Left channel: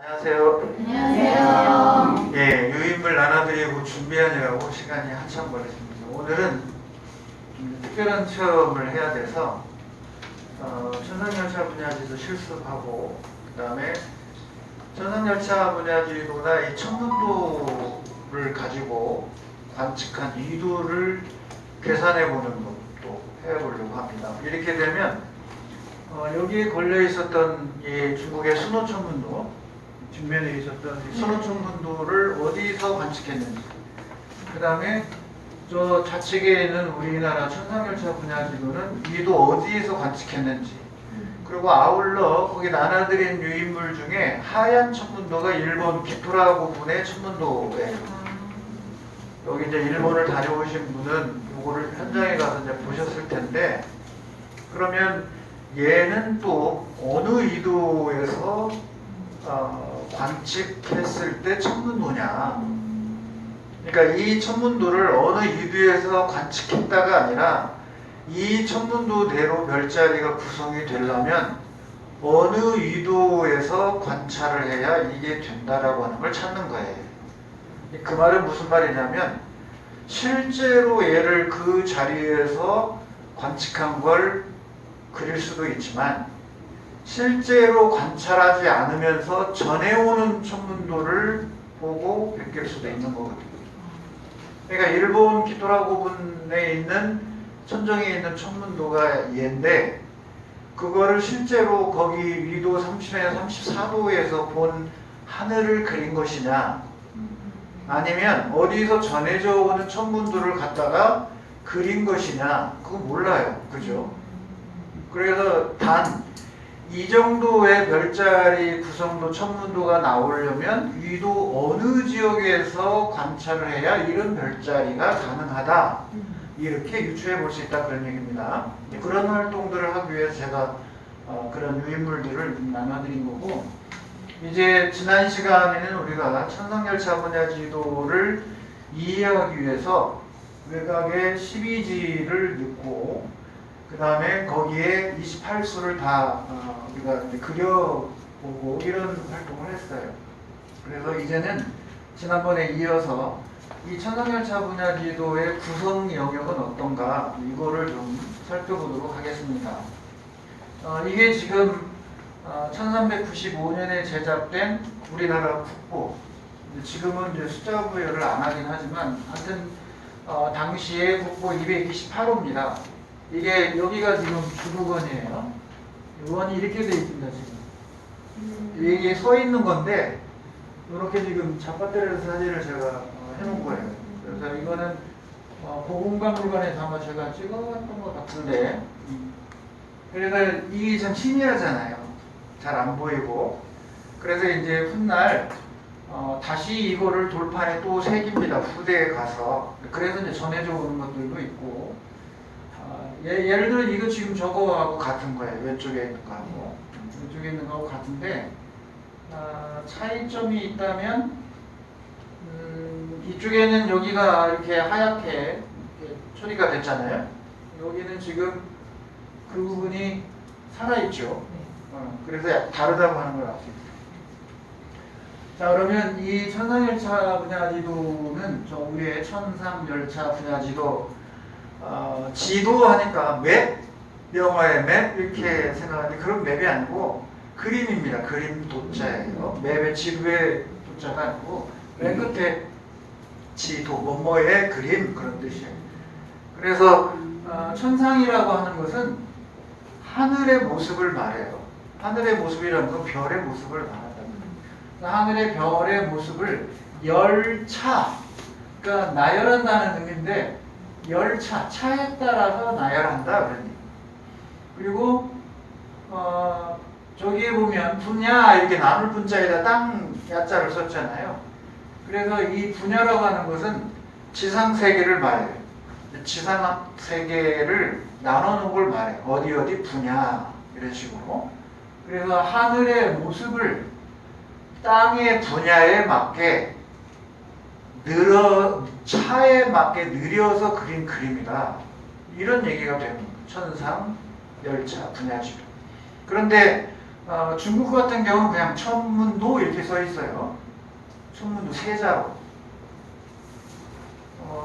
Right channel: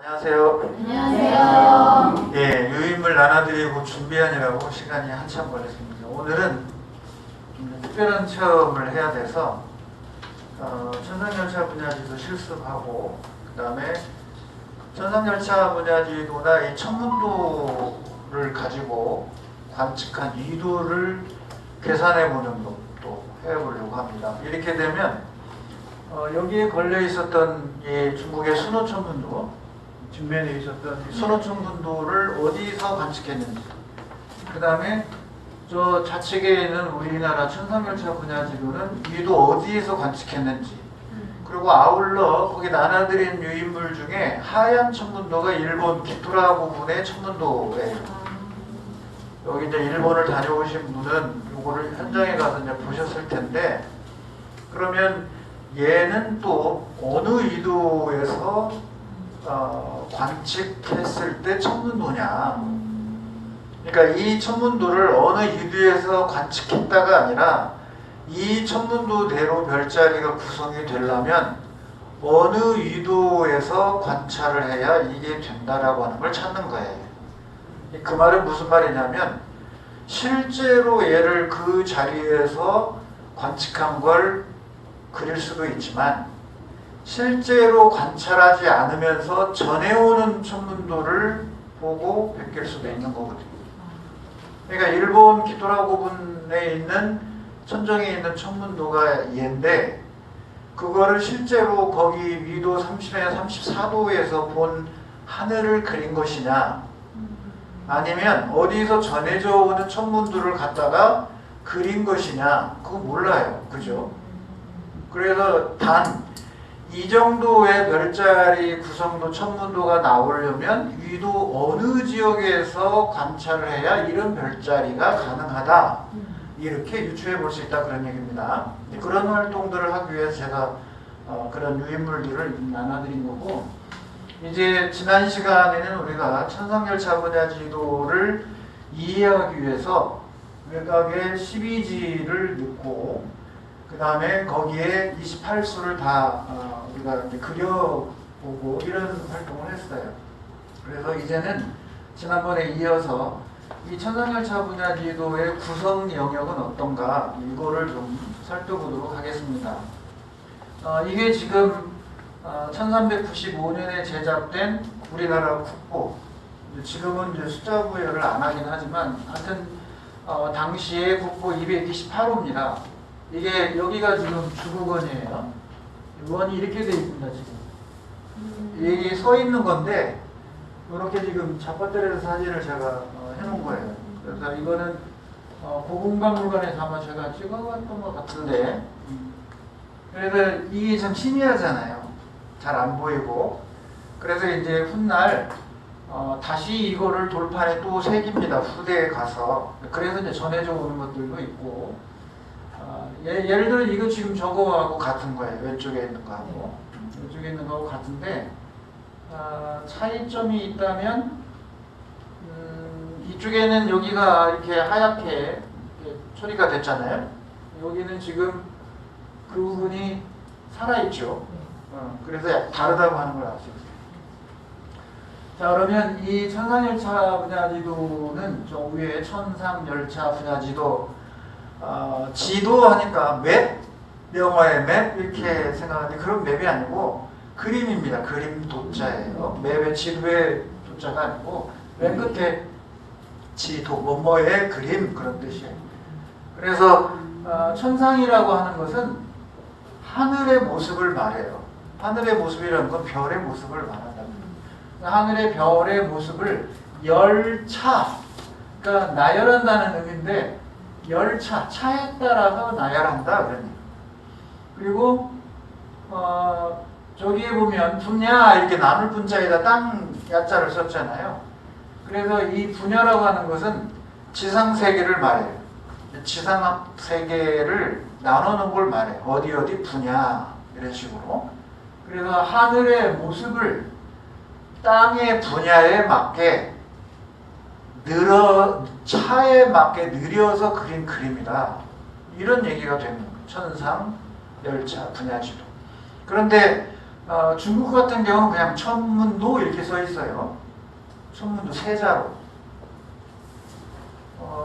안녕하세요. 안녕하세요. 예, 유인물 나눠드리고 준비하느라고 시간이 한참 걸렸습니다. 오늘은 특별한 체험을 해야 돼서 천상열차 분야지도 실습하고, 그 다음에 천상열차 분야지도나 이 천문도를 가지고 관측한 위도를 계산해보는 것도 해보려고 합니다. 이렇게 되면 여기에 걸려 있었던 이 중국의 순호천문도, 뒷면에 있었던 순호천문도를 어디서 관측했는지, 그 다음에 저 좌측에 있는 우리나라 천상열차 분야지도는 위도 어디에서 관측했는지, 그리고 아울러 거기 나눠드린 유인물 중에 하얀 천문도가 일본 기프라 부분의 천문도예요. 여기 이제 일본을 다녀오신 분은 요거를 현장에 가서 이제 보셨을 텐데, 그러면 얘는 또 어느 위도에서 관측했을 때 천문도냐? 그러니까 이 천문도를 어느 위도에서 관측했다가 아니라 이 천문도대로 별자리가 구성이 되려면 어느 위도에서 관찰을 해야 이게 된다라고 하는 걸 찾는 거예요. 그 말은 무슨 말이냐면, 실제로 얘를 그 자리에서 관측한 걸 그릴 수도 있지만, 실제로 관찰하지 않으면서 전해오는 천문도를 보고 베낄 수도 있는 거거든요. 그러니까 일본 기토라 부분에 있는 천정에 있는 천문도가 얘인데, 그거를 실제로 거기 위도 30에서 34도에서 본 하늘을 그린 것이냐, 아니면 어디서 전해져 오는 천문도를 갖다가 그린 것이냐, 그거 몰라요. 그죠? 그래서 단 이 정도의 별자리 구성도 천문도가 나오려면 위도 어느 지역에서 관찰을 해야 이런 별자리가 가능하다, 이렇게 유추해 볼 수 있다, 그런 얘기입니다. 그런 활동들을 하기 위해서 제가 그런 유인물들을 나눠드린 거고, 이제 지난 시간에는 우리가 천상열차 분야 지도를 이해하기 위해서 외곽에 12지를 넣고, 그 다음에 거기에 28수를 다 우리가 이렇게 그려보고 이런 활동을 했어요. 그래서 이제는 지난번에 이어서 이 천상열차 분야 지도의 구성 영역은 어떤가, 이거를 좀 살펴보도록 하겠습니다. 이게 지금 1395년에 제작된 우리나라 국보, 지금은 이제 숫자 구별을 안 하긴 하지만, 하여튼 당시에 국보 228호입니다. 이게 여기가 지금 주도권이에요. 원이 이렇게 돼 있습니다, 지금. 이게 서 있는 건데, 이렇게 지금 잡아떼려서 사진을 제가 해놓은 거예요. 그래서 이거는 고궁박물관에서 아마 제가 찍어봤던 것 같은데, 그래서 이게 참 신기하잖아요. 잘 안 보이고. 그래서 이제 훗날 다시 이거를 돌판에 또 새깁니다, 후대에 가서. 그래서 이제 전해져 오는 것들도 있고, 예를 들어 이거 지금 저거하고 같은 거예요. 왼쪽에 있는 거하고 왼쪽에 있는 거하고 같은데, 차이점이 있다면, 이쪽에는 여기가 이렇게 하얗게 처리가 됐잖아요. 여기는 지금 그 부분이 살아있죠. 그래서 다르다고 하는 걸 알 수 있어요. 자, 그러면 이 천상열차 분야지도는 저 위에 천상열차 분야지도, 지도하니까 맵, 영화의 맵 이렇게 생각하는데, 그런 맵이 아니고 그림입니다. 그림 도자예요. 맵의 지도의 도자가 아니고 맨 끝에 지도, 뭐뭐의 그림, 그런 뜻이에요. 그래서 천상이라고 하는 것은 하늘의 모습을 말해요. 하늘의 모습이라는 건 별의 모습을 말한다. 하늘의 별의 모습을 열차, 그러니까 나열한다는 의미인데, 열차, 차에 따라서 나열한다, 그런 얘기. 그리고 저기에 보면 분야, 이렇게 나물 분자에다 땅 야자를 썼잖아요. 그래서 이 분야라고 하는 것은 지상세계를 말해요. 지상세계를 나누는 걸 말해요. 어디 어디 분야, 이런 식으로. 그래서 하늘의 모습을 땅의 분야에 맞게 차에 맞게 느려서 그린 그림이다, 이런 얘기가 되는 거예요. 천상 열차 분야지도. 그런데 중국 같은 경우는 그냥 천문도 이렇게 써 있어요. 천문도 세자로.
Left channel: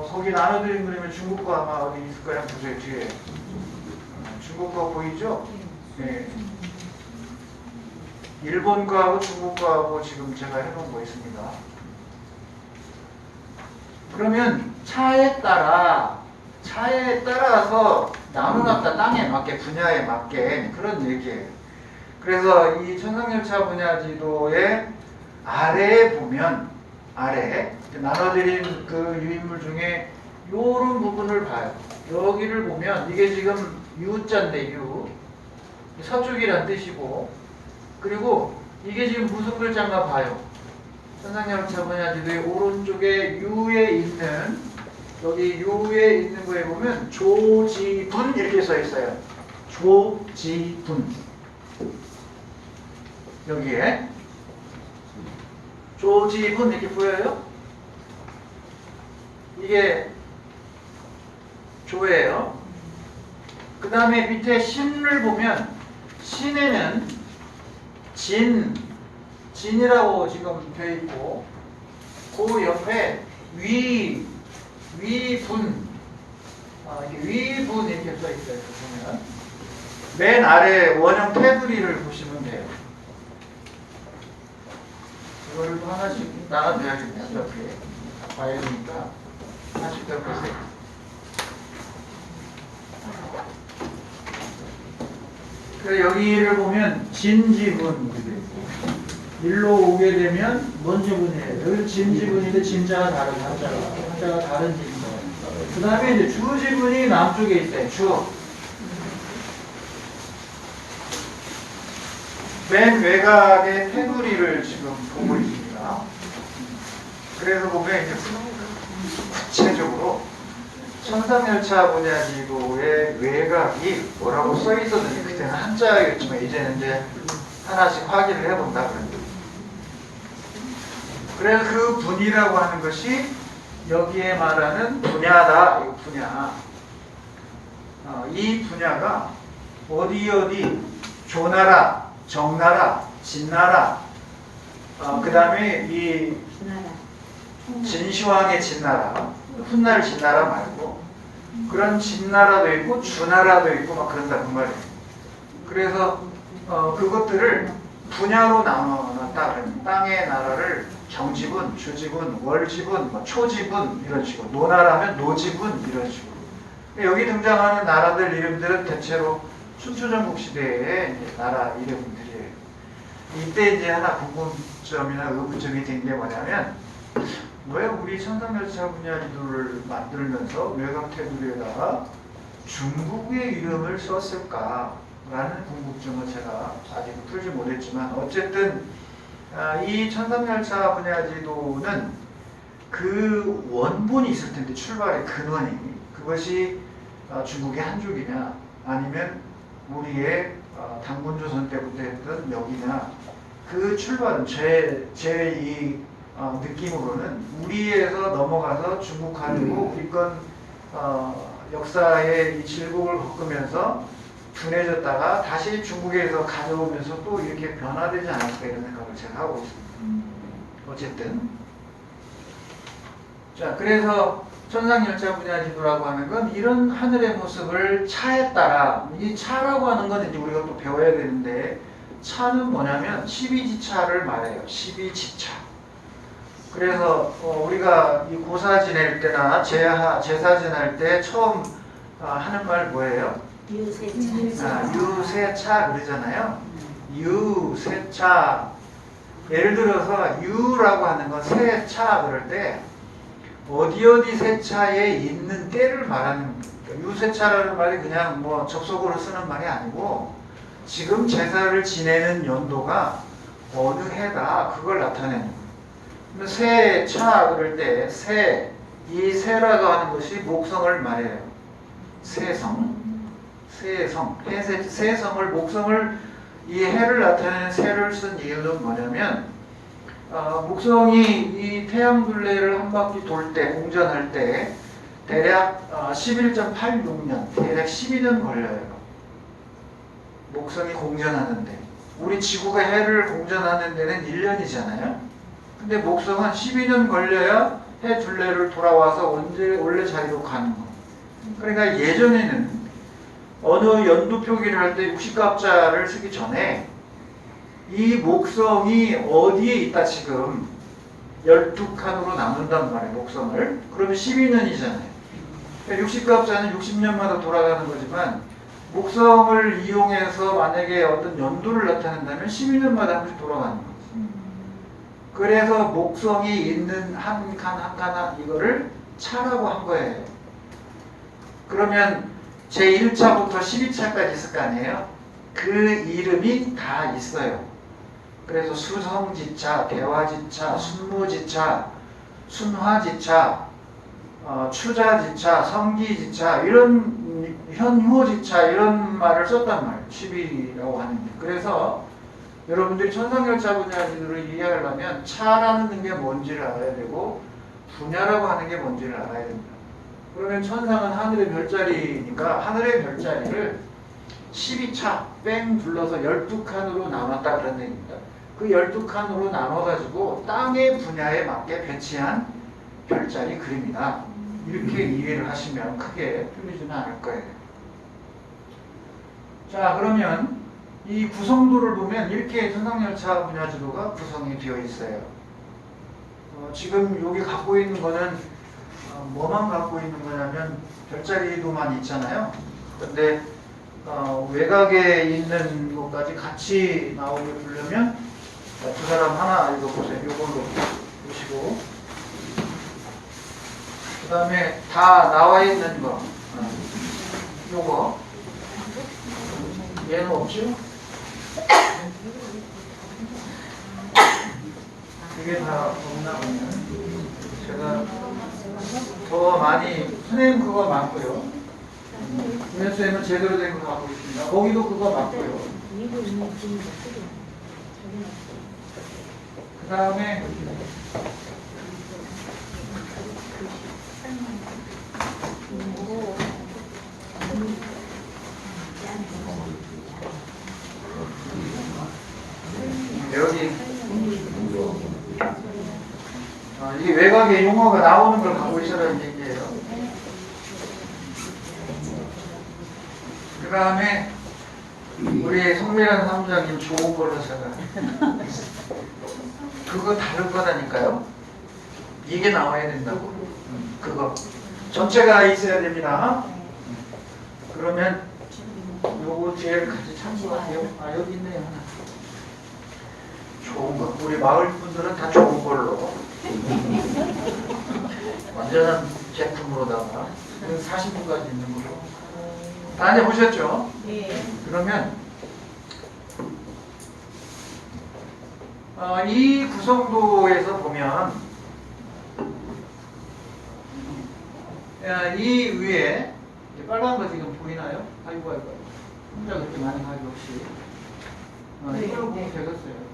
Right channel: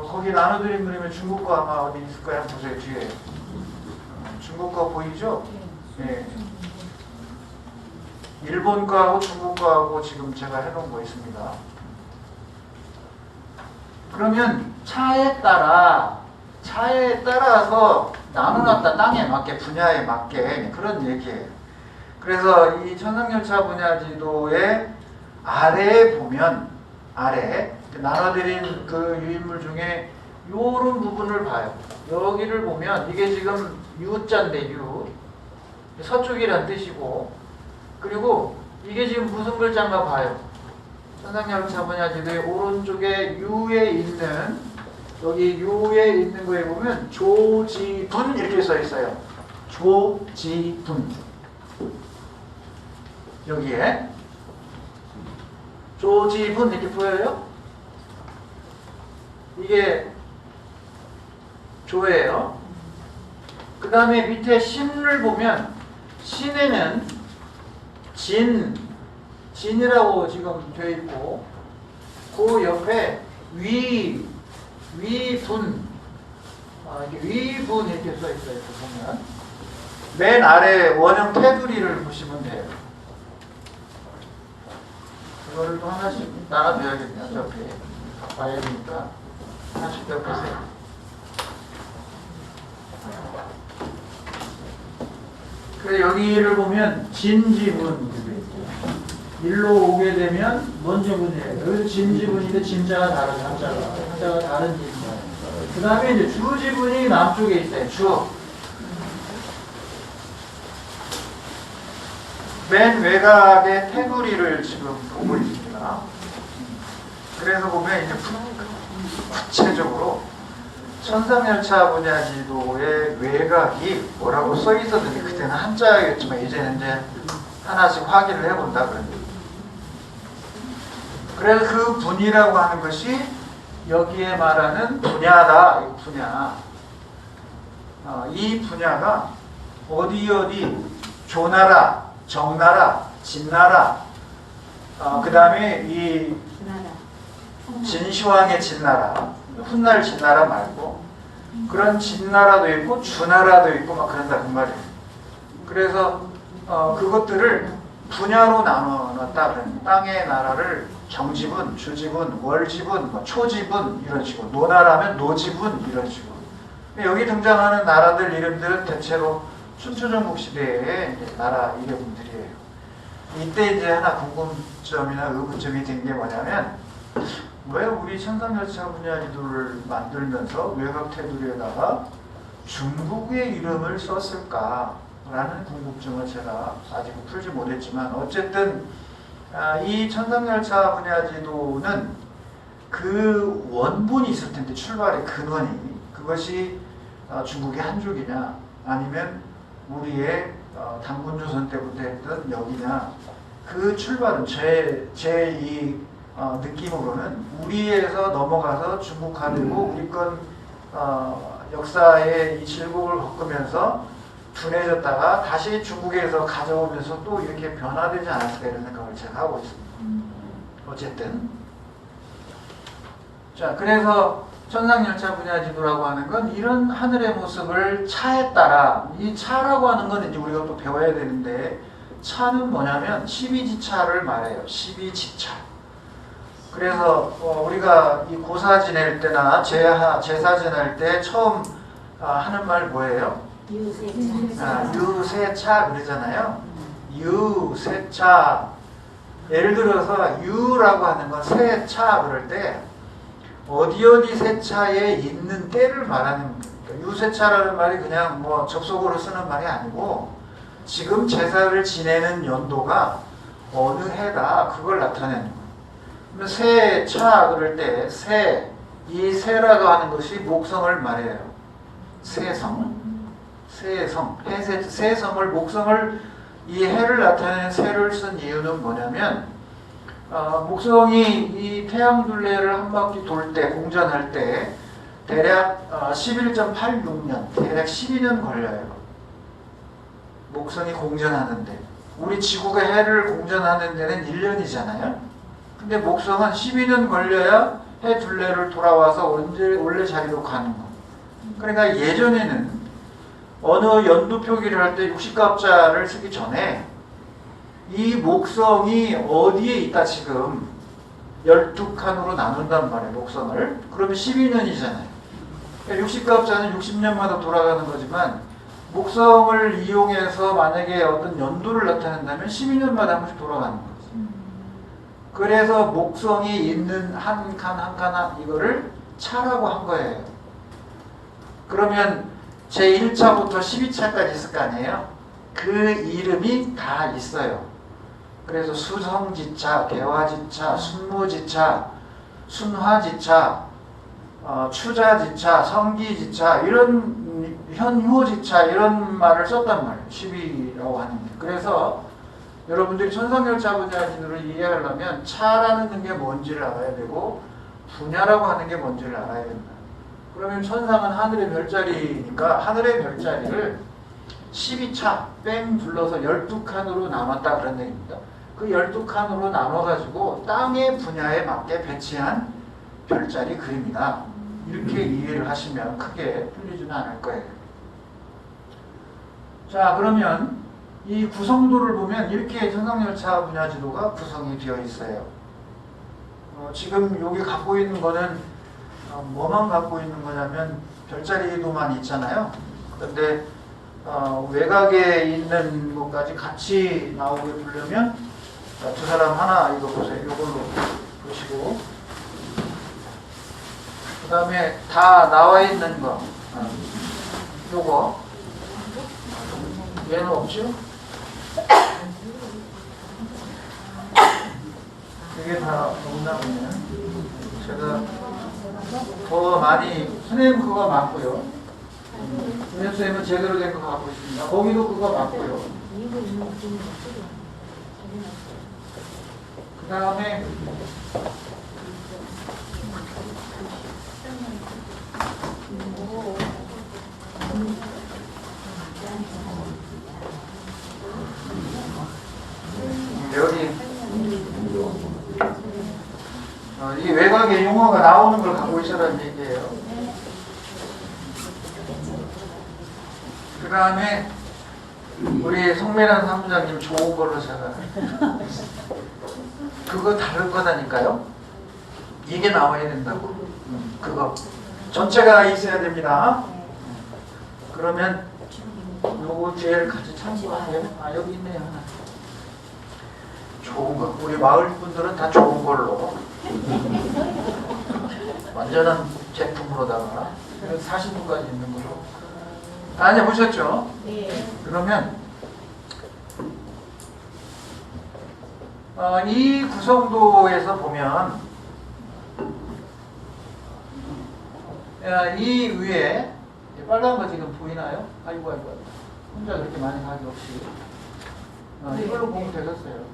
거기 나눠드린 그림에 중국 거 아마 어디 있을 거야. 보세요, 뒤에. 중국 거 보이죠? 네. 일본 거하고 중국 거하고 지금 제가 해놓은 거 있습니다. 그러면 차에 따라서 나눠놨다. 땅에 맞게, 분야에 맞게 그런 얘기예요. 그래서 이 천상열차 분야 지도의 아래에 보면 아래 나눠드린 그 유인물 중에 요런 부분을 봐요. 여기를 보면 이게 지금 U자인데 U 서쪽이란 뜻이고, 그리고 이게 지금 무슨 글자인가 봐요. 천상열차 분야 지도의 오른쪽에 U에 있는, 여기 U에 있는 거에 보면 조지분 이렇게 써 있어요. 조지분. 여기에 조지분 이렇게 보여요? 이게 조예요. 그 다음에 밑에 신을 보면 신에는 진이라고 지금 되어 있고, 그 옆에 위분, 이렇게 위분 이렇게 써 있어요. 보면 맨 아래 원형 테두리를 보시면 돼요. 이거를 또 하나씩 나눠줘야겠네요. 이렇게 봐야 되니까 하나씩 더 보세요. 그래서 여기를 보면 진지분, 일로 오게 되면 뭔 지분이에요? 여기 진지분인데 진자가 다른 한자가 다른 진자예요. 그 다음에 이제 주지분이 남쪽에 있어요. 주. 맨 외곽의 테두리를 지금 보고 있습니다. 그래서 보면 이제 구체적으로 천상열차 분야 지도의 외곽이 뭐라고 써 있었는지, 그때는 한자였지만 이제는 이제 하나씩 확인을 해본다 그래요. 그래서 그 분이라고 하는 것이 여기에 말하는 분야다. 이 분야. 이 분야가 어디 조나라, 정나라, 진나라, 그 다음에 이 진시황의 진나라, 훗날 진나라 말고 그런 진나라도 있고 주나라도 있고 막 그런다 그 말이에요. 그래서 그것들을 분야로 나눠놨다. 땅의 나라를 정지분, 주지분, 월지분, 뭐 초지분 이런 식으로, 노나라면 노지분 이런 식으로. 여기 등장하는 나라들 이름들은 대체로 춘추전국 시대의 나라 이름들이에요. 이때 이제 하나 궁금점이나 의문점이 된 게 뭐냐면, 왜 우리 천상열차 분야 지도를 만들면서 외곽 테두리에다가 중국의 이름을 썼을까라는 궁금증을 제가 아직 풀지 못했지만, 어쨌든 이 천상열차 분야 지도는 그 원본이 있을 텐데, 출발의 근원이, 그것이 중국의 한족이냐 아니면 우리의 단군조선 때부터 했던 여기냐, 그 출발은 제 이 느낌으로는 우리에서 넘어가서 중국화되고 우리 건 역사의 이 질곡을 겪으면서 둔해졌다가 다시 중국에서 가져오면서 또 이렇게 변화되지 않았을까 이런 생각을 제가 하고 있습니다. 어쨌든 자, 그래서 천상열차 분야 지도라고 하는 건 이런 하늘의 모습을 차에 따라, 이 차라고 하는 건 이제 우리가 또 배워야 되는데, 차는 뭐냐면 12지차를 말해요. 12지차. 그래서 우리가 이 고사 지낼 때나 제사 지낼 때 처음 하는 말 뭐예요? 유세차 그러잖아요. 유세차. 예를 들어서 유라고 하는 건 세차 그럴 때 어디 세차에 있는 때를 말하는 거예요. 유세차라는 말이 그냥 뭐 접속으로 쓰는 말이 아니고, 지금 제사를 지내는 연도가 어느 해다 그걸 나타내는 거예요. 세차 그럴 때 이 세라고 하는 것이 목성을 말해요. 세성, 세성을, 목성을, 이 해를 나타내는 세를 쓴 이유는 뭐냐면, 목성이 이 태양둘레를 한 바퀴 돌 때, 공전할 때 대략 11.86년, 대략 12년 걸려요. 목성이 공전하는데. 우리 지구가 해를 공전하는 데는 1년이잖아요. 근데 목성은 12년 걸려야 해 둘레를 돌아와서 원래 자리로 가는 거. 그러니까 예전에는 어느 연도 표기를 할 때 60갑자를 쓰기 전에 이 목성이 어디에 있다 지금 12칸으로 나눈단 말이에요. 목성을. 그러면 12년이잖아요. 60갑자는 60년마다 돌아가는 거지만 목성을 이용해서 만약에 어떤 연도를 나타낸다면 12년마다 한 번씩 돌아가는 거죠. 그래서 목성이 있는 한 칸 한 칸 이거를 차라고 한 거예요. 그러면 제1차부터 12차까지 있을 거 아니에요? 그 이름이 다 있어요. 그래서 수성지차, 대화지차, 순무지차, 순화지차, 추자지차, 성기지차 이런 현무지차 이런 말을 썼단 말이에요. 10이라고 하는데. 그래서 여러분들이 천상열차 분야를 이해하려면 차라는 게 뭔지를 알아야 되고 분야라고 하는 게 뭔지를 알아야 됩니다. 그러면 천상은 하늘의 별자리니까 하늘의 별자리를 12차 뺑 둘러서 12칸으로 나눴다 그런 얘기입니다. 그 12칸으로 나눠가지고 땅의 분야에 맞게 배치한 별자리 그림이다. 이렇게 이해를 하시면 크게 풀리지는 않을 거예요. 자, 그러면 이 구성도를 보면 이렇게 천상열차 분야지도가 구성이 되어 있어요. 지금 여기 갖고 있는 거는 뭐만 갖고 있는 거냐면 별자리도만 있잖아요. 그런데 외곽에 있는 것까지 같이 나오게 보려면 두 사람 하나 읽어보세요. 이걸로 보시고 그 다음에 다 나와 있는 거 요거 얘는 없죠? 이게 다 없나 보면 제가 더 많이 선생님 그거 맞고요. 윤현 선생님은 제대로 된 거 갖고 있습니다. 거기도 그거 맞고요. 그 다음에 여기 이 외곽에 용어가 나오는 걸 갖고 있으라는 얘기예요. 그 다음에 우리 송미란 사무장님 좋은 걸로 제가 그거 다를 거다니까요. 이게 나와야 된다고. 그거 전체가 있어야 됩니다. 그러면 요거 제일 같이 참고하세요. 아 여기 있네요 하나. 좋은 거. 우리 마을 분들은 다 좋은 걸로 완전한 제품으로다가 40분까지 있는 걸로. 다 이제 보셨죠? 네. 그러면 이 구성도에서 보면 이 위에 빨간 거 지금 보이나요? 아이고 혼자 그렇게 많이 가기 없이 이걸로 보면 되겠어요.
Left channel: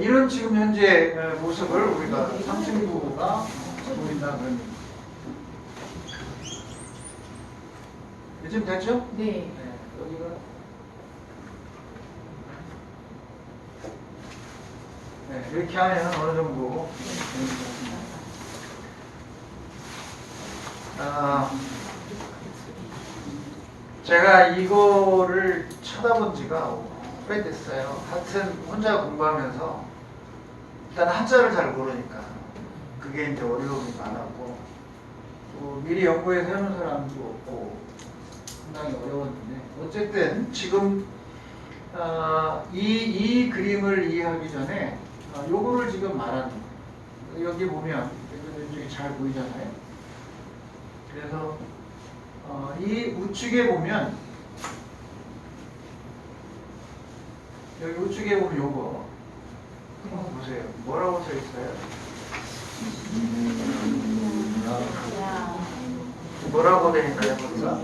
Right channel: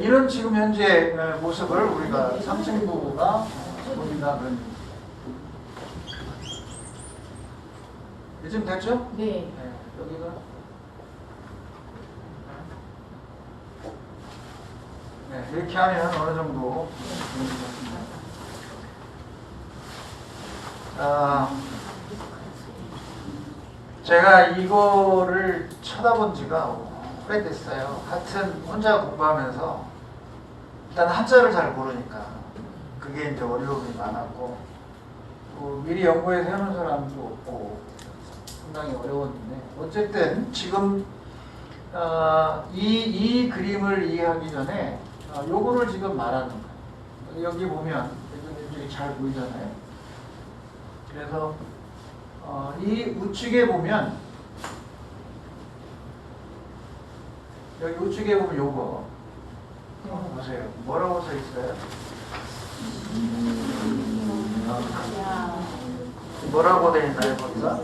이런 지금 현재 모습을 우리가 상층부가 보인다 그런 얘기입니다. 요즘 됐죠? 네. 여기가 이렇게 하면 어느 정도 제가 이거를 쳐다본 지가 오래됐어요. 하여튼 혼자 공부하면서 일단 한자를 잘 모르니까 그게 이제 어려움이 많았고 미리 연구해서 해놓은 사람도 없고 상당히 어려웠는데 어쨌든 지금 이 그림을 이해하기 전에 요거를 지금 말하는 거예요. 여기 보면 여기 잘 보이잖아요. 그래서 이 우측에 보면 여기 우측에 보면 요거 한번 보세요. 뭐라고 써 있어요? 뭐라고 돼 있나요, 거기가?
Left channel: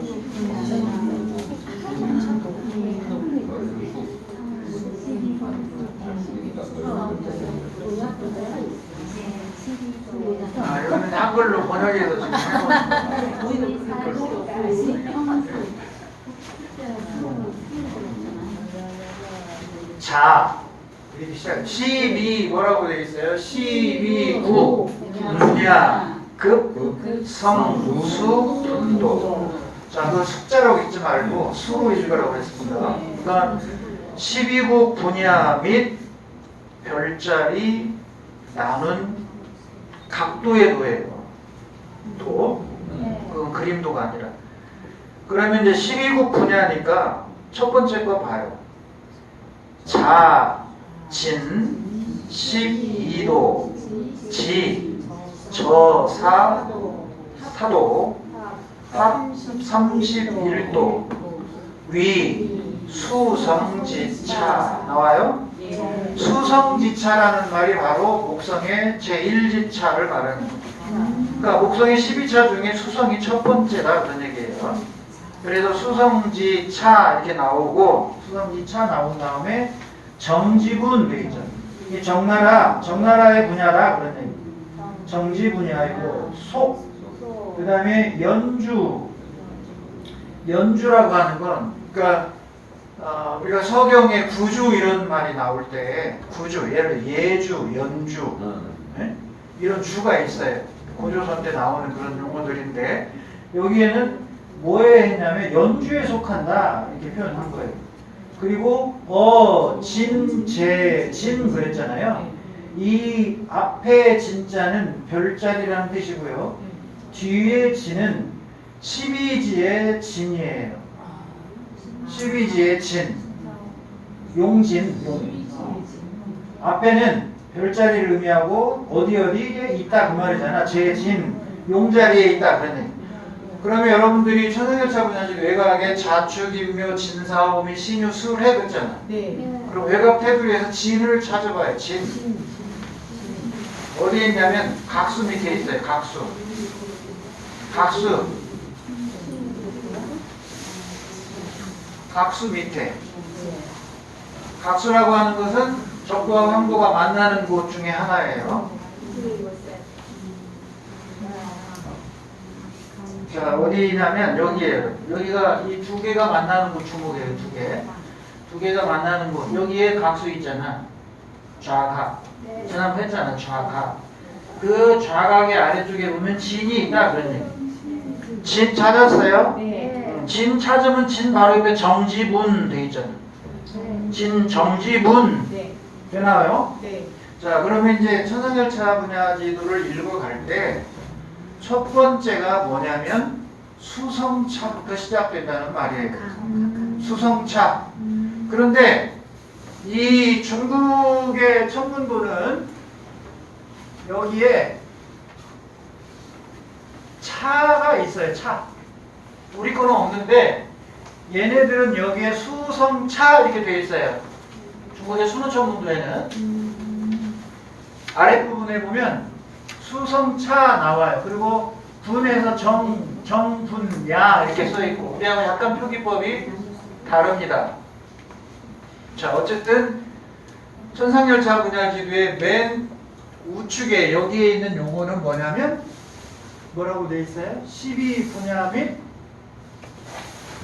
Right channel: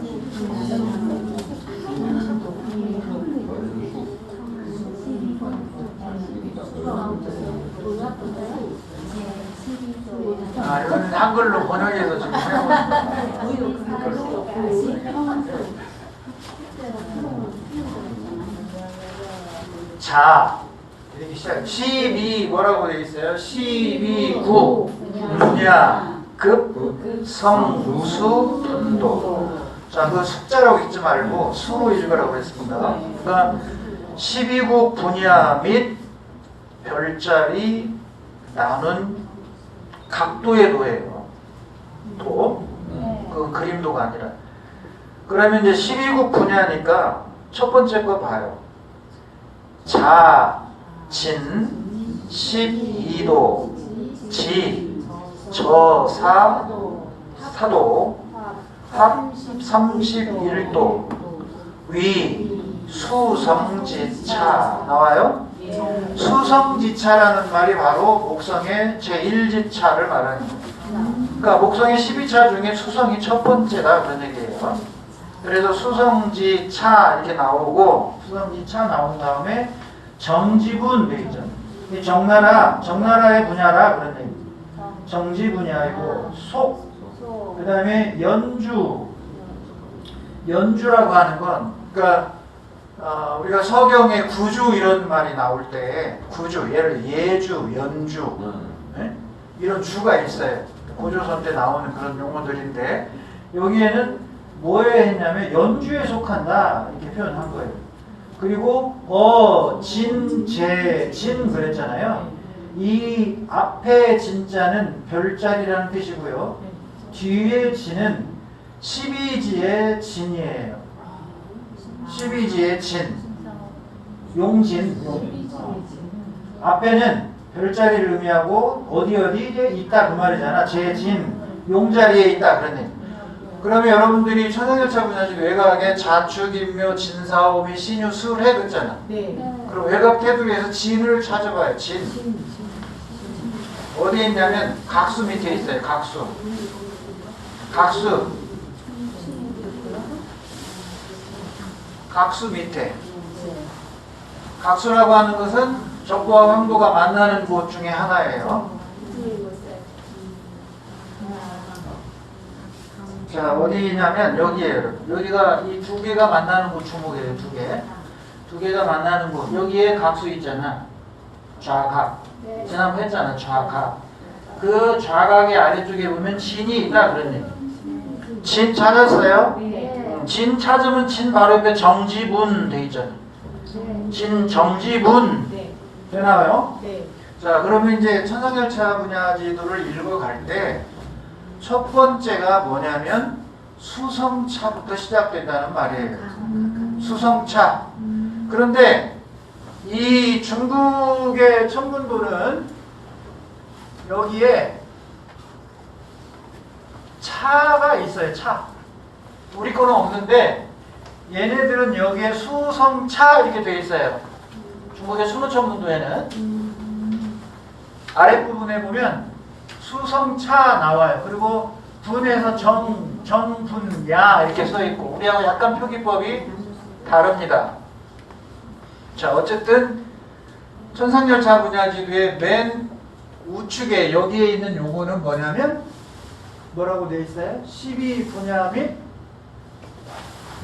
이건 한글로 번역해서 지금 해놓은 거예요. 자 이렇게 시작. 12 뭐라고 되어 있어요? 12구 분야 급 성수 분도. 자, 그 숫자라고 읽지 말고 수 읽으라고 했습니다. 그다음 12국 분야 및 별자리 나눈 각도의 도예요. 도. 그건 그림도가 아니라. 그러면 이제 12국 분야니까 첫 번째 거 봐요. 자, 진, 12도, 지, 저사, 사도, 합, 31도, 위, 수성지차 나와요? 수성지차라는 말이 바로 목성의 제1지차를 말하는 거예요. 그러니까 목성의 12차 중에 수성이 첫 번째다 그런 얘기예요. 그래서 수성지차 이렇게 나오고 수성지차 나온 다음에 정지분 되겠죠. 이 정나라의 분야라 그런 얘기. 정지 분야이고 속. 그 다음에 연주라고 하는 건 그러니까 우리가 서경에 구주 이런 말이 나올 때 구주 예를 들어 예주, 연주 네? 이런 주가 있어요. 고조선 때 나오는 그런 용어들인데 여기에는 뭐에 했냐면 연주에 속한다 이렇게 표현한 거예요. 그리고 진 그랬잖아요. 이 앞에 진자는 별자리라는 뜻이고요. 뒤에 진은 12지의 진이에요. 12지의 진. 용진. 앞에는 별자리를 의미하고 어디에 있다 그 말이잖아. 제진. 용자리에 있다 그런 얘기. 그러면 여러분들이 천상열차 분야식 외곽에 자축, 인묘, 진사오, 미, 신유, 술해 그랬잖아. 네. 그럼 외곽 테두리에서 진을 찾아봐요. 진. 어디에 있냐면 각수 밑에 있어요. 각수. 각수 밑에. 각수라고 하는 것은 적과 황도가 만나는 곳 중에 하나예요. 자, 어디냐면 여기에요. 여기가 이 두 개가 만나는 곳 주목이에요. 두 개. 두 개가 만나는 곳. 여기에 각수 있잖아. 좌각. 지난번 했잖아. 좌각. 그 좌각의 아래쪽에 보면 진이 있다 그런 얘기. 진 찾았어요? 네. 진 찾으면 진 바로 옆에 정지분 돼 있잖아. 진 정지분 네. 되나요? 네. 자, 그러면 이제 천상열차 분야 지도를 읽어갈 때 첫 번째가 뭐냐면 수성차부터 시작된다는 말이에요. 수성차. 그런데 이 중국의 천문도는 여기에 차가 있어요. 차. 우리 거는 없는데 얘네들은 여기에 수성차 이렇게 돼 있어요. 중국의 수문천문도에는 아랫부분에 보면 수성차 나와요. 그리고 분에서 정분야 이렇게 써있고 우리하고 약간 표기법이 다릅니다. 자, 어쨌든 천상열차 분야지도의 맨 우측에 여기에 있는 용어는 뭐냐면 뭐라고 돼 있어요? 12분야 및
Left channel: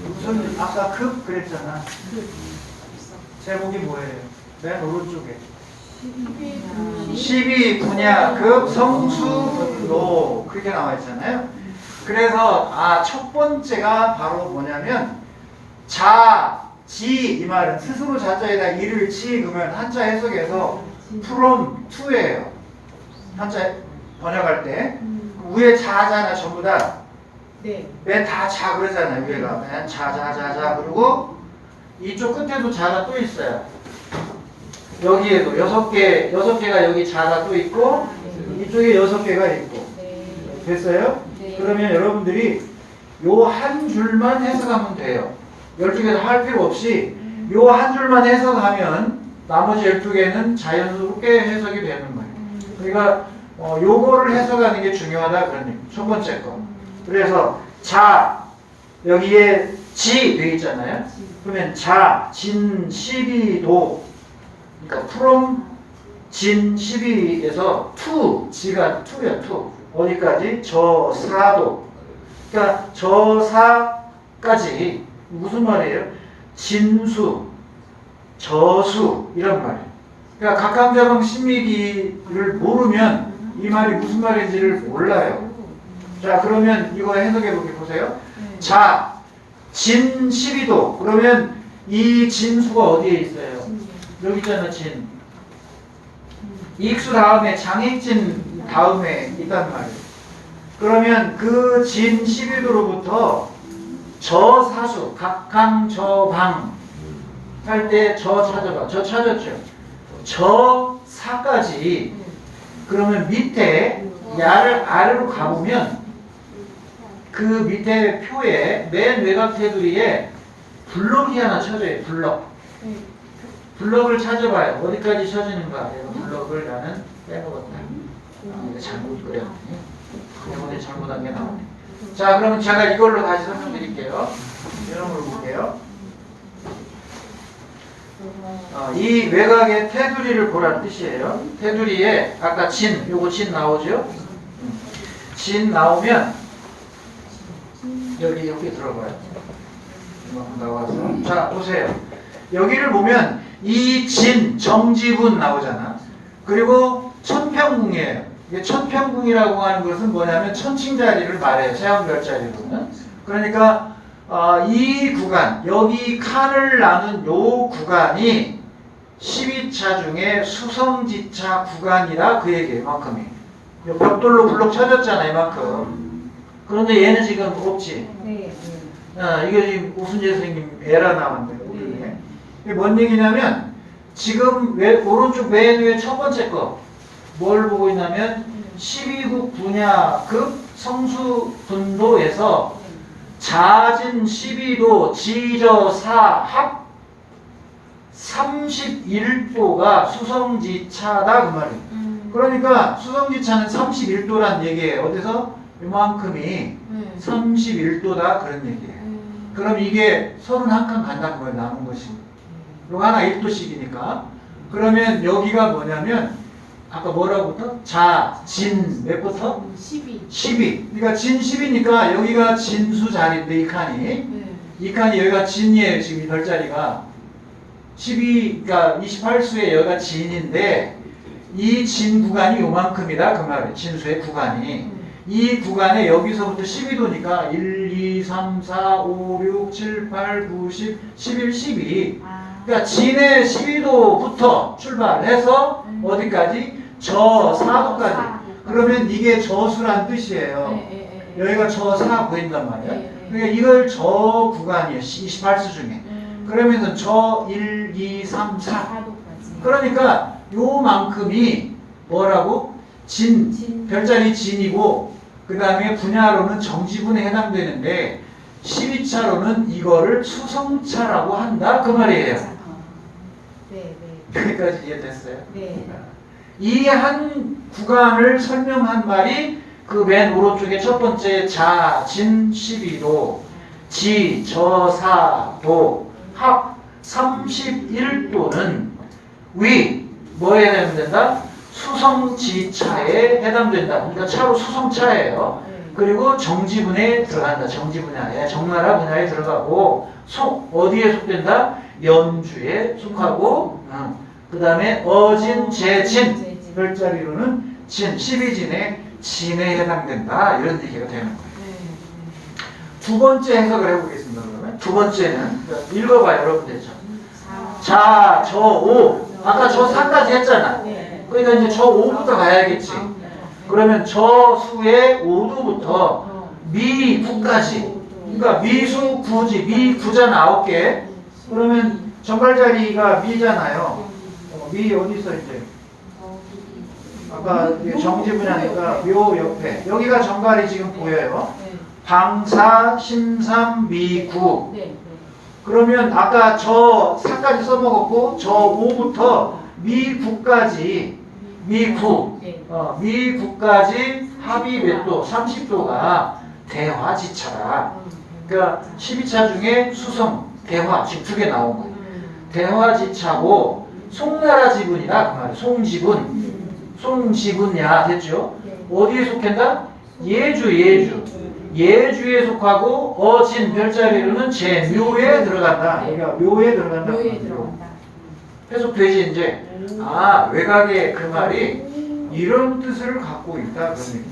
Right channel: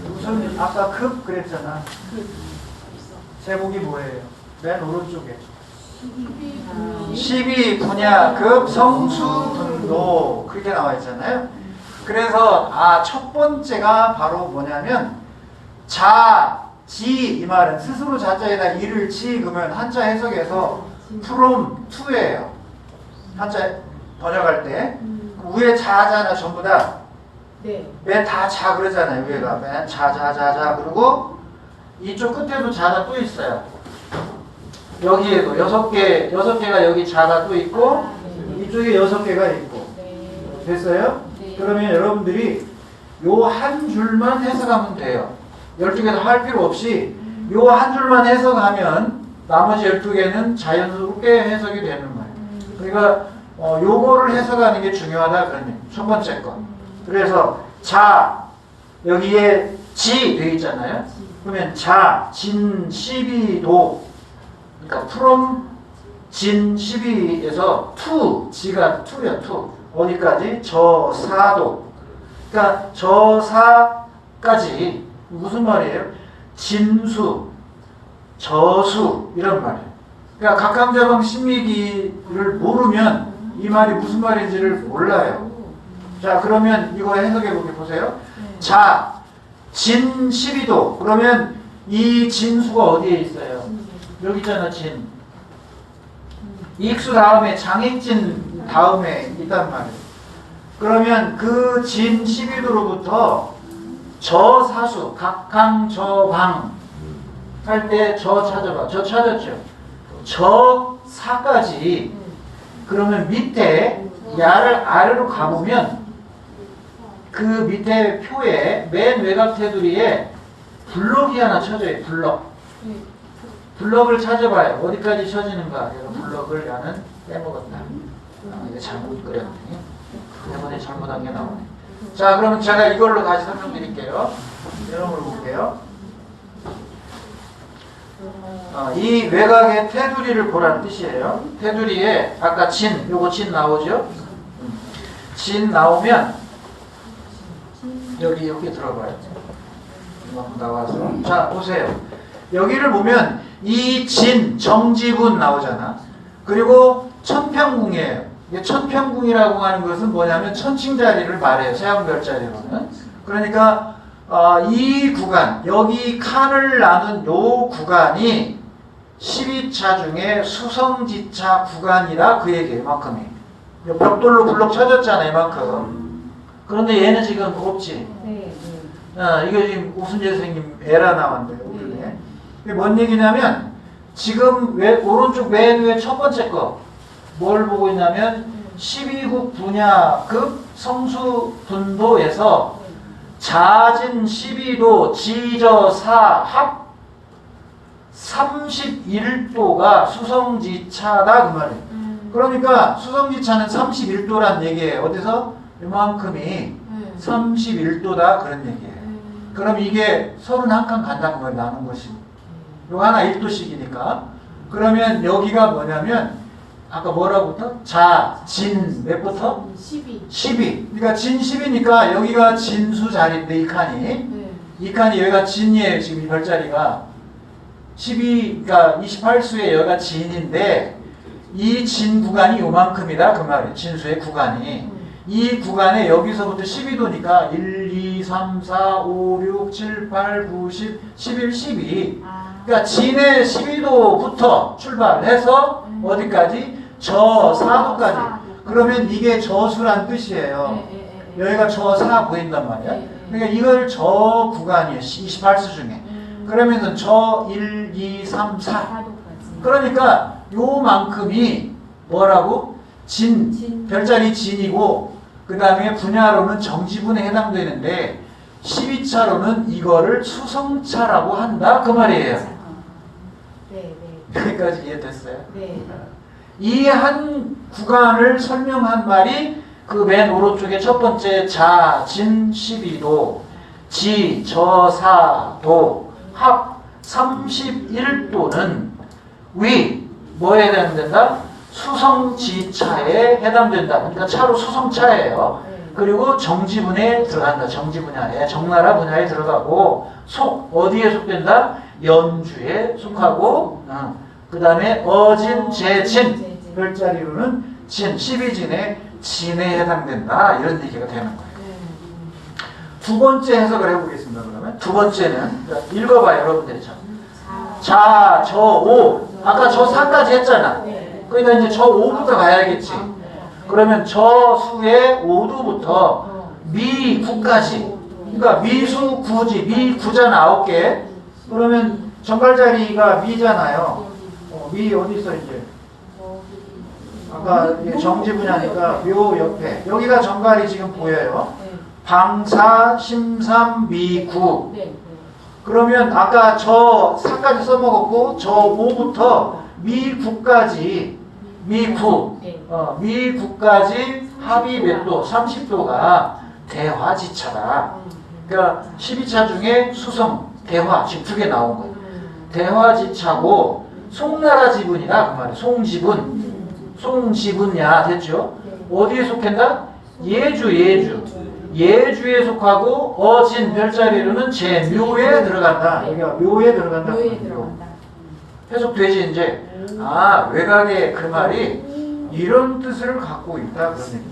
무슨 아까 급 그랬잖아. 제목이 뭐예요? 맨 오른쪽에 12분야급 성수분도 그렇게 나와 있잖아요. 그래서 첫 번째가 바로 뭐냐면 지 이 말은 스스로 자자에다 이를 지 그러면 한자 해석에서 from to예요. 한자 번역할 때 위에 자잖아 전부 다. 네. 맨 다 자 그러잖아요. 위에가 맨 자 그리고 이쪽 끝에도 자가 또 있어요. 여기에도 6개가 여기 자가 또 있고 이쪽에 6개가 있고 네. 됐어요? 네. 그러면 여러분들이 요 한 줄만 해석하면 돼요. 12개도 할 필요 없이 요 한 줄만 해석하면 나머지 12개는 자연스럽게 해석이 되는 거예요. 그러니까 요거를 해석하는 게 중요하다 그런 얘기. 첫 번째 거. 그래서 자 여기에 지 되어 있잖아요. 그러면 진 12도 그러니까 from 진 12에서 지가 to야 to 어디까지? 저사도. 그러니까 저사까지 무슨 말이에요? 진수 저수 이런 말이에요. 그러니까 각함자방 신미기를 모르면 이 말이 무슨 말인지를 몰라요. 자, 그러면 이거 해석해 보게 보세요. 자, 진 12도. 그러면 이 진수가 어디에 있어요? 여기 있잖아, 진. 익수 다음에 장익진 다음에 있단 말이에요. 그러면 그 진 12도로부터 저사수, 각항저방 할 때 저 찾아봐. 저 찾았죠? 저사까지. 그러면 밑에 야를 아래로 가보면 그 밑에 표에 맨 외곽 테두리에 블럭이 하나 쳐져요. 블럭. 블럭을 찾아봐요. 어디까지 쳐지는가? 내가 블럭을 나는 빼먹었다. 이거 잘못 그렸네. 이번에 잘못한 게 나오네. 자, 그러면 제가 이걸로 다시 설명드릴게요. 이런 걸 볼게요. 이 외곽의 테두리를 보라는 뜻이에요. 테두리에 아까 진, 요거 진 나오죠? 진 나오면 여기 이렇게 들어가요. 이만큼 나와서. 자, 보세요. 여기를 보면 이 진, 정지분 나오잖아. 그리고 천평궁이에요. 천평궁이라고 하는 것은 뭐냐면 천칭자리를 말해요. 세왕별자리로는. 그러니까 이 구간, 여기 칸을 나눈 요 구간이 12차 중에 수성지차 구간이라 그 얘기예요. 이만큼이. 벽돌로 블럭 쳐졌잖아. 이만큼. 그런데 얘는 지금 없지. 네. 이게 지금 오순재 선생님 에라 나왔는데 이게 뭔 얘기냐면 지금 오른쪽 맨 위에 첫 번째 거 뭘 보고 있냐면 12국 분야급 성수분도에서 자진 12도 지저사 합 31도가 수성지차다 그 말이에요. 그러니까 수성지차는 31도란 얘기예요. 어디서? 이만큼이 31도다 그런 얘기예요. 그럼 이게 31칸 간다는 거예요. 남은 것이. 이거 하나 1도씩이니까. 그러면 여기가 뭐냐면 아까 뭐라고부터? 자, 진 몇부터? 12. 그러니까 진 10이니까 여기가 진수 자리인데 이 칸이. 이 칸이 여기가 진이에요. 지금 이 별자리가. 12, 그러니까 28수에 여기가 진인데 이 진 구간이 요만큼이다 그 말이에요. 진수의 구간이. 이 구간에 여기서부터 12도니까 1, 2, 3, 4, 5, 6, 7, 8, 9, 10, 11, 12. 그러니까 진의 12도부터 출발해서 어디까지? 저사도까지. 그러면 이게 저수란 뜻이에요. 여기가 저사 보인단 말이야. 그러니까 이걸 저 구간이에요. 28수 중에. 그러면은 저 1, 2, 3, 4. 그러니까 요만큼이 뭐라고? 진, 별자리 진이고 그 다음에 분야로는 정지분에 해당되는데 12차로는 이거를 수성차라고 한다 그 말이에요. 여기까지 이해됐어요? 이 한 구간을 설명한 말이 그 맨 오른쪽에 첫 번째 자, 진 12도, 지, 저, 사, 도, 합 31도는 위, 뭐에 해당된다? 수성지차에 해당된다. 그러니까 차로 수성차예요. 그리고 정지분에 들어간다. 정지분야에 정나라 분야에 들어가고 어디에 속된다? 연주에 속하고 그 다음에 어진, 재진 별자리로는 진, 12진에 진에 해당된다. 이런 얘기가 되는 거예요. 두 번째 해석을 해보겠습니다. 그러면 두 번째는 읽어봐요. 여러분들. 자, 저 5 아까 저 4까지 했잖아. 그러니까 이제 저 5부터 가야겠지. 그러면 저 수의 5도부터 미 9까지. 그러니까 미수 9지, 미 9잖아, 9개. 그러면 정갈자리가 미잖아요. 미 어디 있어 이제? 아까 정지분야니까 묘 옆에. 여기가 정갈이 지금 보여요. 방사, 심삼, 미 9. 그러면 아까 저 4까지 써먹었고 저 5부터 미 9까지 미 9. 미 9까지 합이 몇 도? 30도가 대화지차다. 그러니까 12차 중에 수성, 대화 지금 두 개 나온 거예요. 대화지차고 송나라 지분이다 그 말이에요. 송지분. 송지분야 됐죠? 어디에 속한다? 예주. 예주에 속하고 어진 별자리로는 제묘에 들어간다. 그러니까 묘에 들어간다. 해석되지 이제. 아, 외곽의 그 말이 이런 뜻을 갖고 있다 그런 얘기.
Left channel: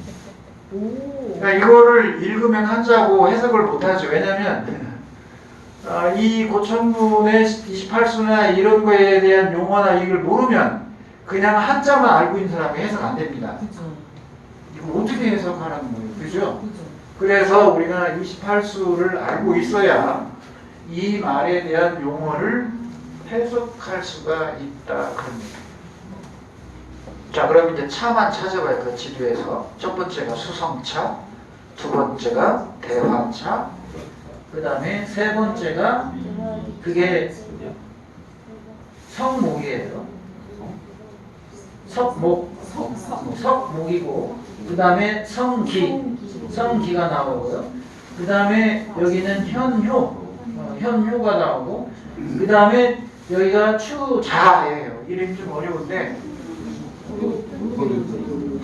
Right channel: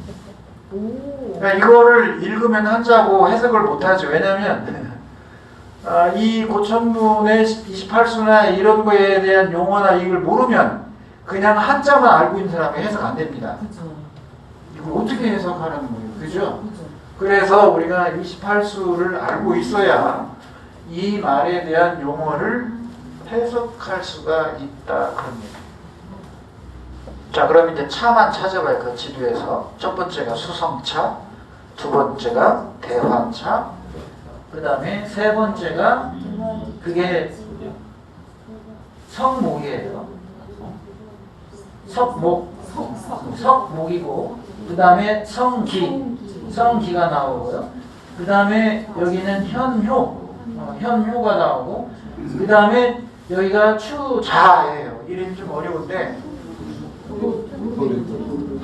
그러니까 이거를 읽으면 한자고 해석을 못하죠. 왜냐하면 이 고천문의 28수나 이런 거에 대한 용어나 이걸 모르면 그냥 한자만 알고 있는 사람이 해석 안 됩니다. 이걸 어떻게 해석하라는 거예요, 그죠? 그래서 우리가 28수를 알고 있어야 이 말에 대한 용어를 해석할 수가 있다 그런 얘기. 자, 그럼 이제 차만 찾아봐요. 그 지도에서. 첫 번째가 수성차, 두 번째가 대화차, 그 다음에 세 번째가 그게 석목이에요. 석목이고, 그 다음에 성기가 나오고요. 그 다음에 여기는 현효가 나오고, 그 다음에 여기가 추자예요. 이름이 좀 어려운데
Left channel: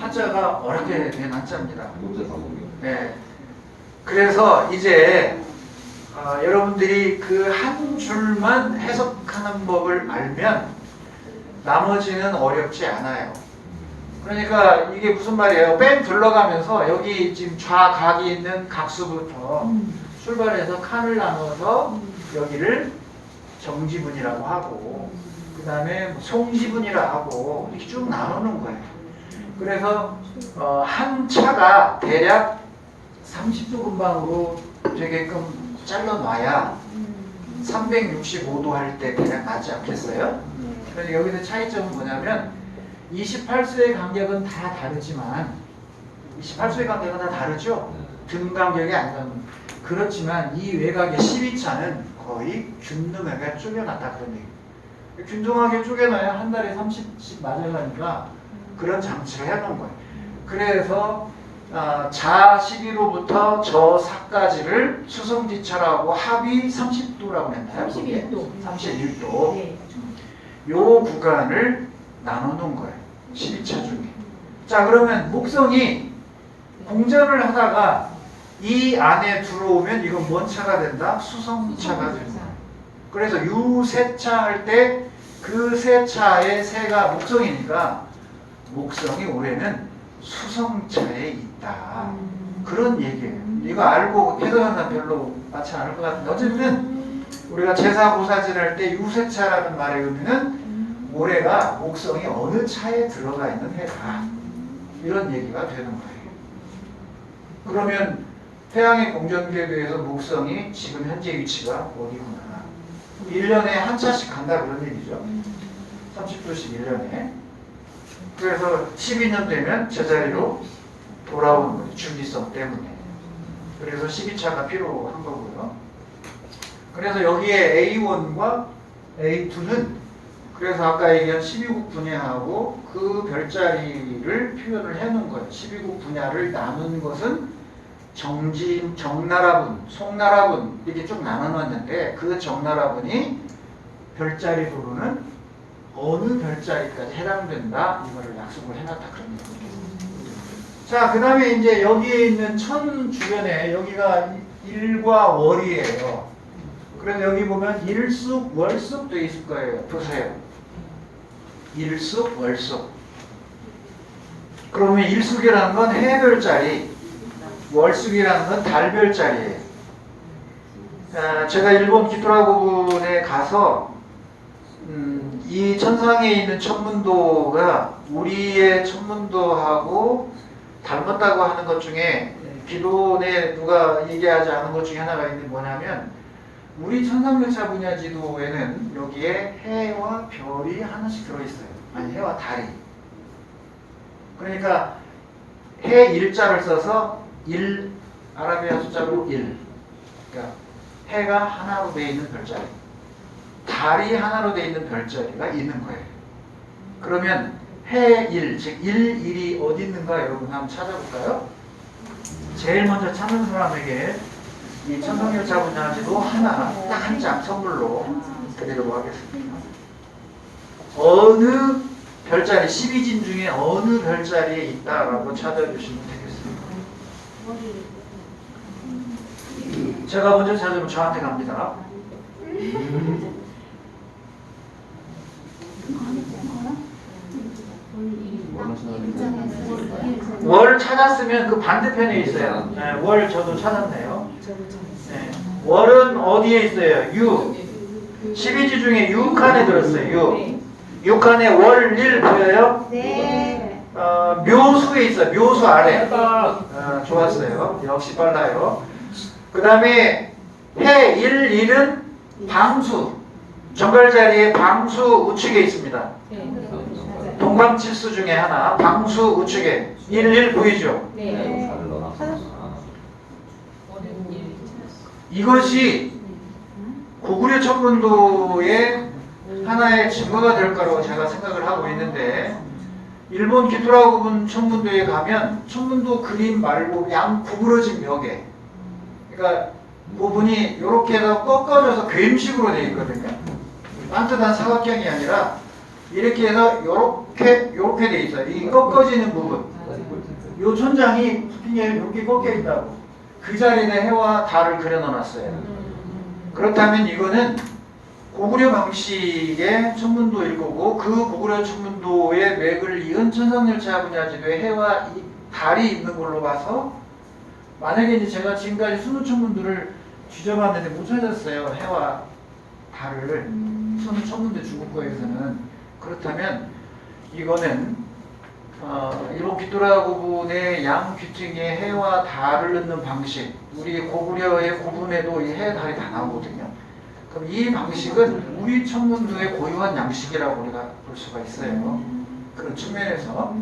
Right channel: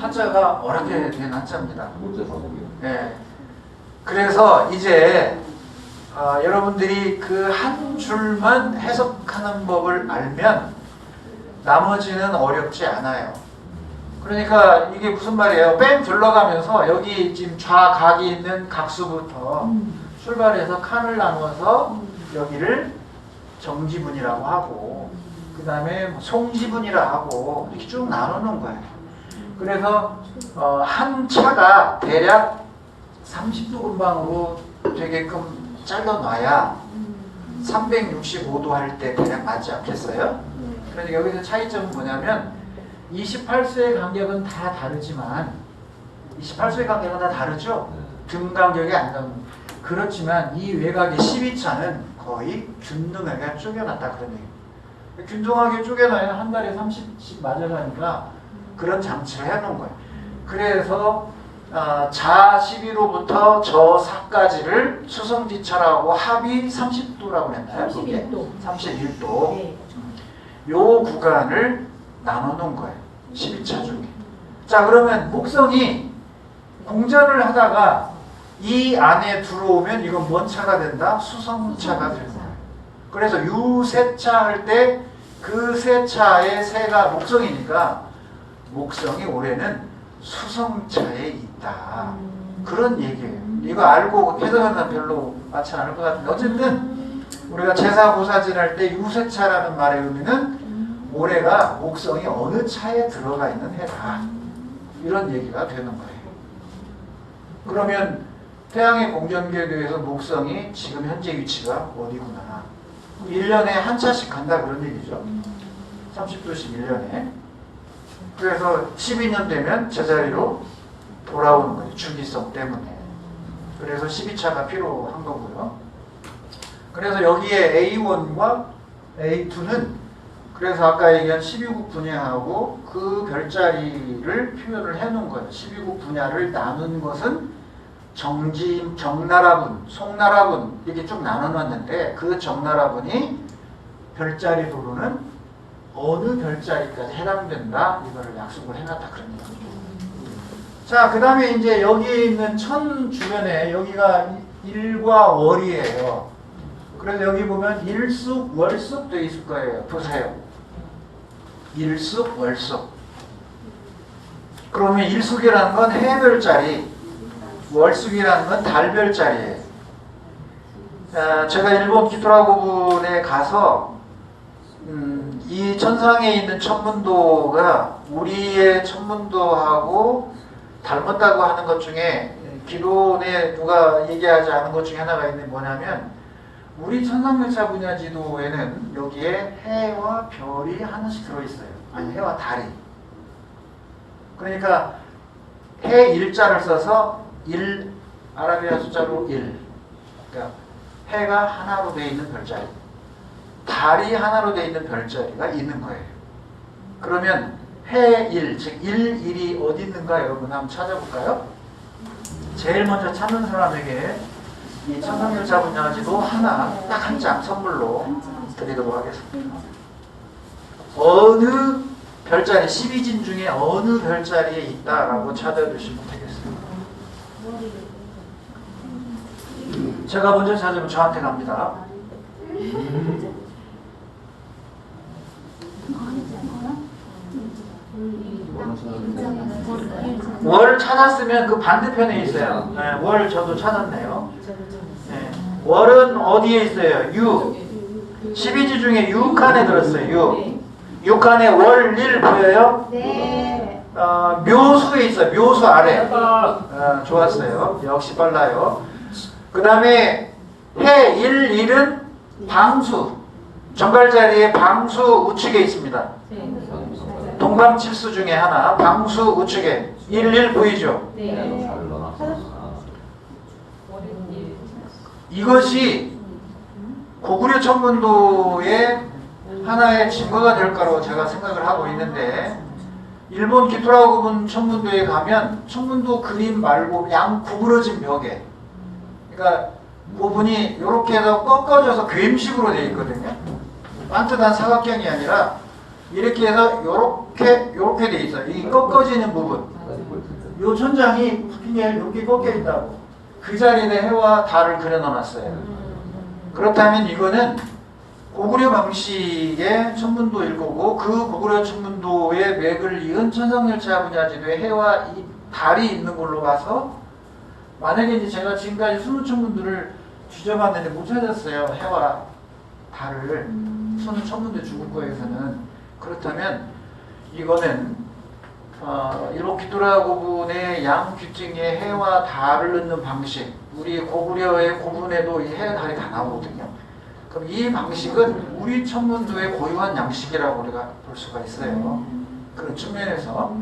한자가 어렵게 된 한자입니다. 네. 그래서 이제 여러분들이 그 한 줄만 해석하는 법을 알면 나머지는 어렵지 않아요. 그러니까 이게 무슨 말이에요? 뺑 둘러가면서 여기 지금 좌각이 있는 각수부터 출발해서 칸을 나눠서 여기를 정지분이라고 하고 그 다음에 송지분이라 하고 이렇게 쭉 나누는 거예요. 그래서 한 차가 대략 30도 분방으로 되게끔 잘라놔야 365도 할 때 대략 맞지 않겠어요? 그래서 여기서 차이점은 뭐냐면 28수의 간격은 다 다르지만 28수의 간격은 다 다르죠? 등 간격이 안 나는. 그렇지만 이 외곽의 12차는 거의 균등하게 쪼개놨다 그런 얘기예요. 균등하게 쪼개놔야 한 달에 30씩 맞아가니까 그런 장치를 해놓은 거예요. 그래서 자 12도부터 저 사까지를 수성지차라고 합이 30도라고 했나요? 31도. 31도. 네. 요 구간을 나눠놓은 거예요. 12차 중에. 자, 그러면 목성이 공전을 하다가 이 안에 들어오면 이건 뭔 차가 된다? 수성차가 된다. 그래서 유세차 할 때 그 세 차의 세가 목성이니까 목성이 올해는 수성차에 있다. 그런 얘기예요. 이거 알고 해석하는 사람 별로 많지 않을 것 같은데 어쨌든 우리가 제사고사질 할 때 유세차라는 말의 의미는 올해가 목성이 어느 차에 들어가 있는 해다. 이런 얘기가 되는 거예요. 그러면 태양의 공전계교에서 목성이 지금 현재 위치가 어디구나. 1년에 한 차씩 간다 그런 얘기죠. 30도씩 1년에. 그래서 12년 되면 제자리로 돌아오는 거예요. 준비성 때문에. 그래서 12차가 필요한 거고요. 그래서 여기에 A1과 A2는 그래서 아까 얘기한 12국 분야하고 그 별자리를 표현을 해놓은 거예요. 12국 분야를 나눈 것은 정나라분, 송나라분 이렇게 쭉 나눠놨는데 그 정나라분이 별자리로는 어느 별자리까지 해당된다 이거를 약속을 해놨다 그런 얘기죠. 자, 그 다음에 이제 여기에 있는 천 주변에 여기가 일과 월이에요. 그래서 여기 보면 일숙, 월숙 되어 있을 거예요. 보세요. 일숙, 월숙. 그러면 일숙이라는 건 해별자리, 월숙이라는 건 달별자리예요. 제가 일본 기토라고분에 가서 이 천상에 있는 천문도가 우리의 천문도하고 닮았다고 하는 것 중에 기론에 누가 얘기하지 않은 것 중에 하나가 있는 뭐냐면 우리 천상명사 분야 지도에는 여기에 해와 별이 하나씩 들어있어요. 아니 해와 달이. 그러니까 해 일자를 써서 1 아라비아 숫자로 1. 그러니까 해가 하나로 되어 있는 별자리. 달이 하나로 되어 있는 별자리가 있는 거예요. 그러면 해1, 즉 1이 어디 있는가 여러분 한번 찾아볼까요? 제일 먼저 찾는 사람에게 이 천상명사 분야지도 하나 딱 한 장 선물로 드리도록 하겠습니다. 어느 별자리 12진 중에 어느 별자리에 있다라고 찾아주시면 되겠습니다. 제가 먼저 찾으면 저한테 갑니다. 월 찾았으면 그 반대편에 있어요. 네, 월 저도 찾았네요. 네. 월은 어디에 있어요? 12지 중에 6칸에 들었어요. 6칸에 월 1 보여요? 네. 묘수에 있어요. 묘수 아래. 좋았어요. 역시 빨라요. 그 다음에 해 1은 방수. 정갈자리에 방수 우측에 있습니다. 동방칠수 중에 하나. 방수 우측에 1 보이죠? 네. 이것이 고구려 천문도의 하나의 증거가 될 거라고 제가 생각을 하고 있는데, 일본 기토라고분 천문도에 가면 천문도 그림 말고 양 구부러진 벽에, 그러니까 부분이 이렇게 해서 꺾어져서 괸식으로 되어 있거든요. 반듯한 사각형이 아니라 이렇게 해서 이렇게 되어 있어요. 이 꺾어지는 부분, 이 천장이 이렇게 꺾여 있다고. 그 자리에 해와 달을 그려 넣어놨어요. 그렇다면 이거는 고구려 방식의 천문도일 거고, 그 고구려 천문도의 맥을 이은 천상열차 분야지도에 해와 달이 있는 걸로 봐서, 만약에 이제 제가 지금까지 20천문도를 뒤져봤는데 못 찾았어요. 해와 달을 20천문도 중국어에서는. 그렇다면 이거는 일본 기토라고분의 양 귀퉁이에 해와 달을 넣는 방식, 우리 고구려의 고분에도 이 해와 달이 다 나오거든요. 그럼 이 방식은 우리 천문도의 고유한 양식이라고 우리가 볼 수가 있어요. 그런 측면에서.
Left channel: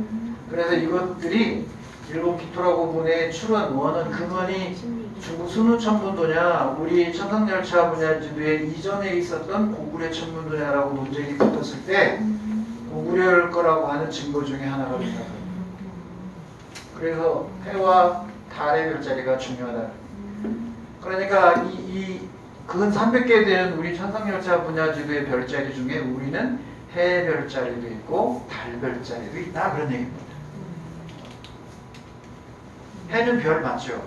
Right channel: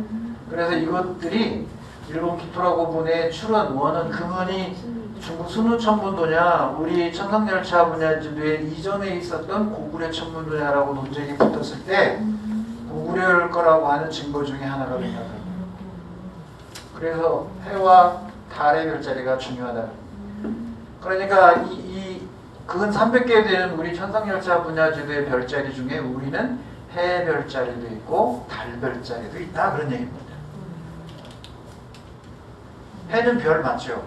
그래서 이것들이 일본 기토라고분의 출원, 원은 근원이 중국 순우천문도냐, 우리 천상열차 분야지도에 이전에 있었던 고구려 천문도냐라고 논쟁이 붙었을 때 고구려일 거라고 하는 증거 중에 하나가 된다. 그래서 해와 달의 별자리가 중요하다. 그러니까 이 근 300개 되는 우리 천상열차 분야지도의 별자리 중에 우리는 해 별자리도 있고 달 별자리도 있다, 그런 얘기입니다. 해는 별 맞죠?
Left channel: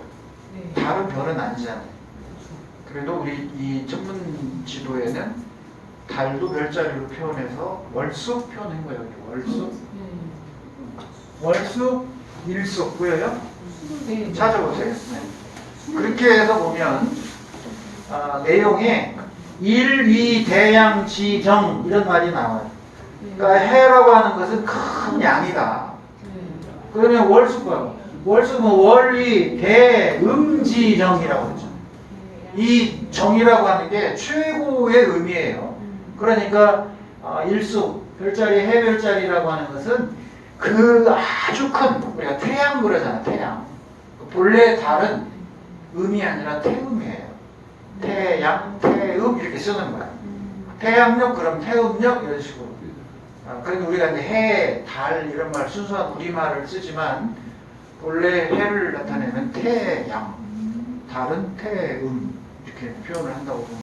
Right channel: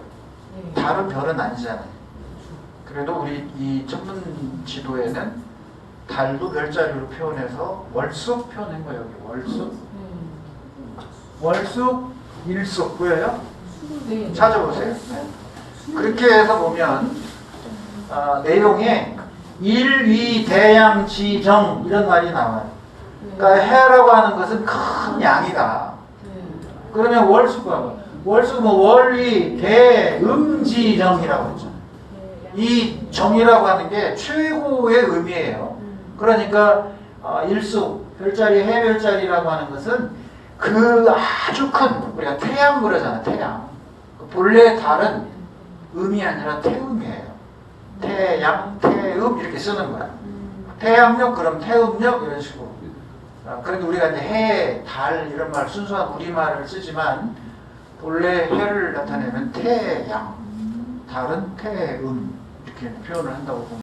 달은 별은 아니잖아요. 그래도 우리 이 천문 지도에는 달도 별자리로 표현해서 월숙 표현한 거예요. 월숙. 월숙, 일숙 보여요? 찾아보세요. 그렇게 해서 보면 내용에 일위대양지정 이런 말이 나와요. 그러니까 해라고 하는 것은 큰 양이다. 그러면 월숙 봐봐. 월숙은 월위 대음지정이라고 했죠. 이 정이라고 하는 게 최고의 의미예요. 그러니까 일숙, 별자리, 해 별자리라고 하는 것은 그 아주 큰, 우리가 태양 그러잖아요. 태양. 본래 달은 음이 아니라 태음이에요. 태양, 태음 이렇게 쓰는 거예요. 태양력, 그럼 태음력 이런 식으로. 그런데 우리가 이제 해, 달 이런 말 순수한 우리말을 쓰지만 본래 해를 나타내면 태양, 달은 태음 이렇게 표현을 한다고 봅니다.